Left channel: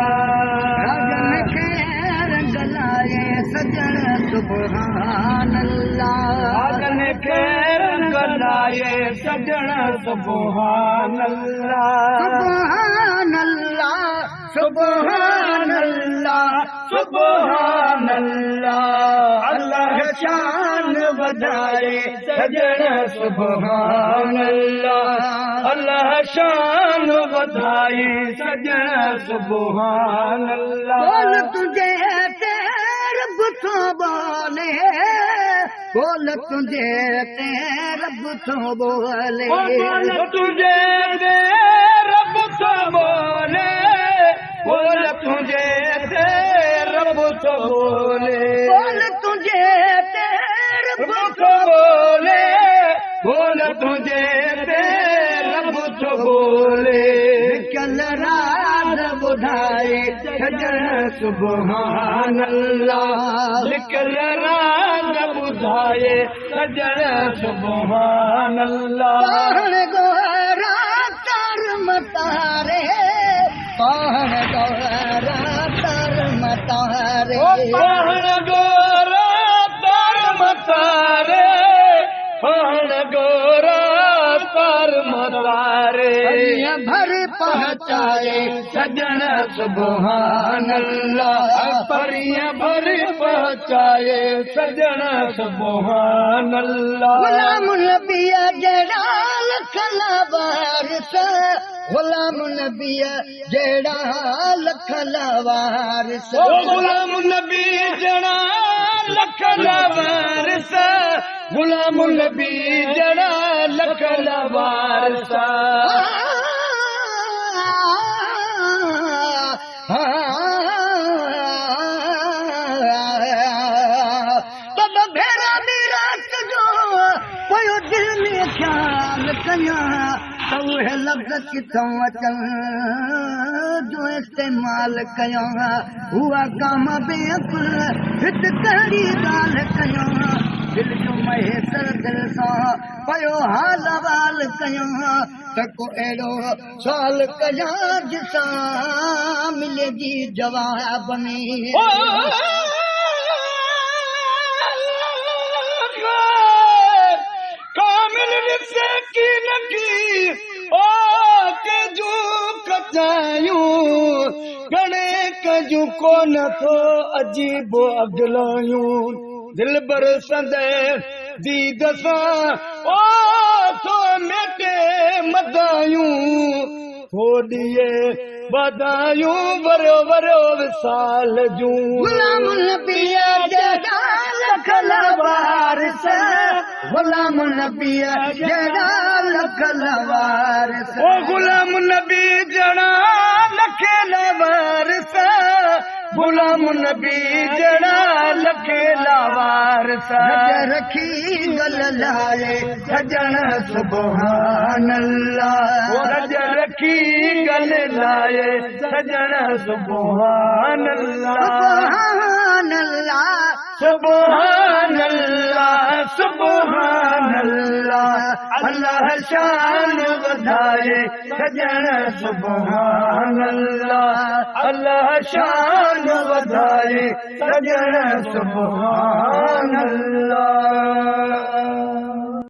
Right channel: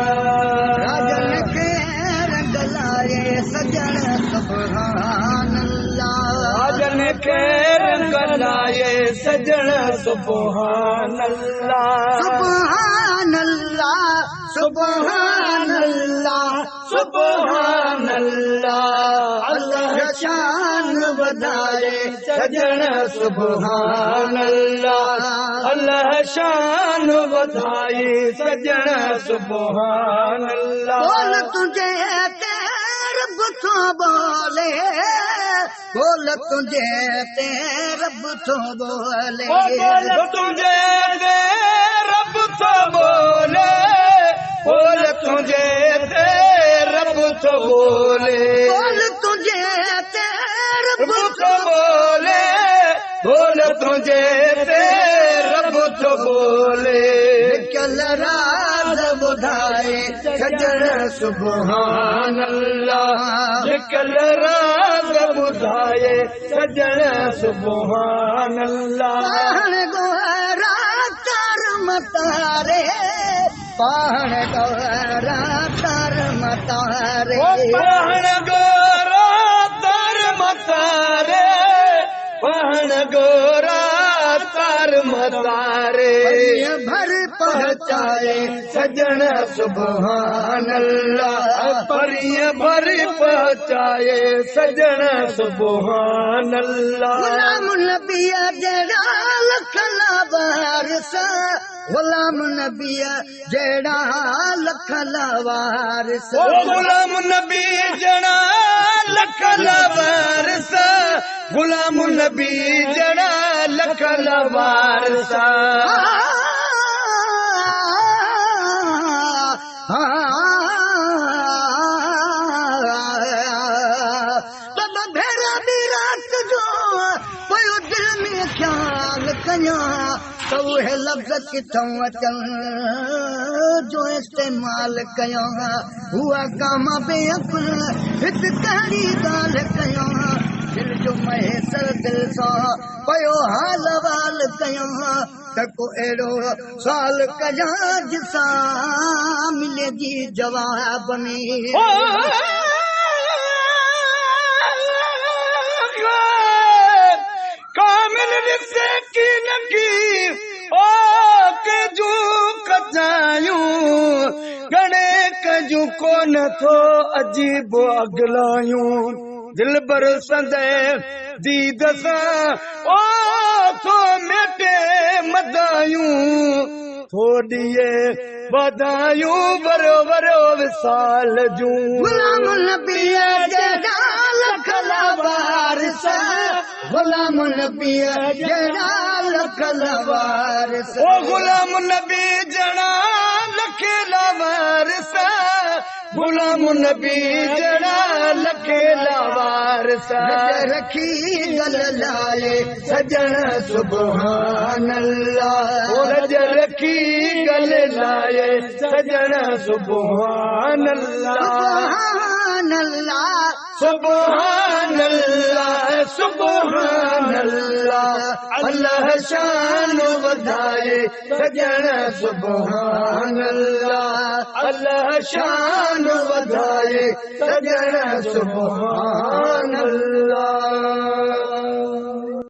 राजन खे रंग लाए सजण सुभान अल्लाह राजन खे रंग लाए सजण सुभान अल्लाह सुभान अल्लाह सुभान अल्लाह सुभान अल्लाह अल्लाह शान वधाए सजण सुभान अल्लाह अल्लाह शान वधाए सजण सुभान अल्लाह बोल तुझे रब तो बोले बोल तुझे रब तो बोले बोल तुझे रब तो बोले बोल तुझे रब तो बोले बोल तुझे रब तो बोले बोल तुझे रब तो बोले निकल राज बुधाए सजण सुभान अल्लाह निकल राज बुधाए सजण सुभान अल्लाह पहाड़ गोरा तर मतारे पहाड़ गोरा तर मतारे पहाड़ गोरा तर मतारे पहाड़ गोरा तर मतारे भर पहुँचाए सजण सुभान अल्लाह परियां भर पहुँचाए सजण सुभान अल्लाह गुलाम नबी जड़ा लखला वारिस गुलाम नबी जड़ा लखला वारिस गुलाम नबी जड़ा लखला वारिस गुलाम नबी जड़ा लखला वारिस बाबा भेरा दी रात जो पयो दिल में ख्याल कया तो है लफ्ज़ किथों अचन जो इस्तेमाल कया हुआ काम बेअकुल हित कहिड़ी ॻाल्हि कया दिल जो महेसर दिल सां पयो हाल वाल कया त को अहिड़ो साल कया जिसां मिले जी जवाब में कामिल रिसे की नकी ओ के जो कचायूं गणे कजू को नथो अजीब अगलायूं दिल बर संदे दीद सां ओ थो मेटे मदायूं थोड़िए वधायूं वरो वरो विसाल जूं गुलाम नबी जड़ा लखला वारिस गुलाम नबी जड़ा लखला वारिस ओ गुलाम नबी जड़ा लखला वारिस गुलाम नबी जड़ा लखला वारिस रखी गल लाए सजण सुभान अल्लाह रज रखी गल लाए सजण सुभान अल्लाह सुभान अल्लाह सुभान अल्लाह सुभान अल्लाह अल्लाह शान वधाए सजण सुभान अल्लाह अल्लाह शान वधाए सजण सुभान अल्लाह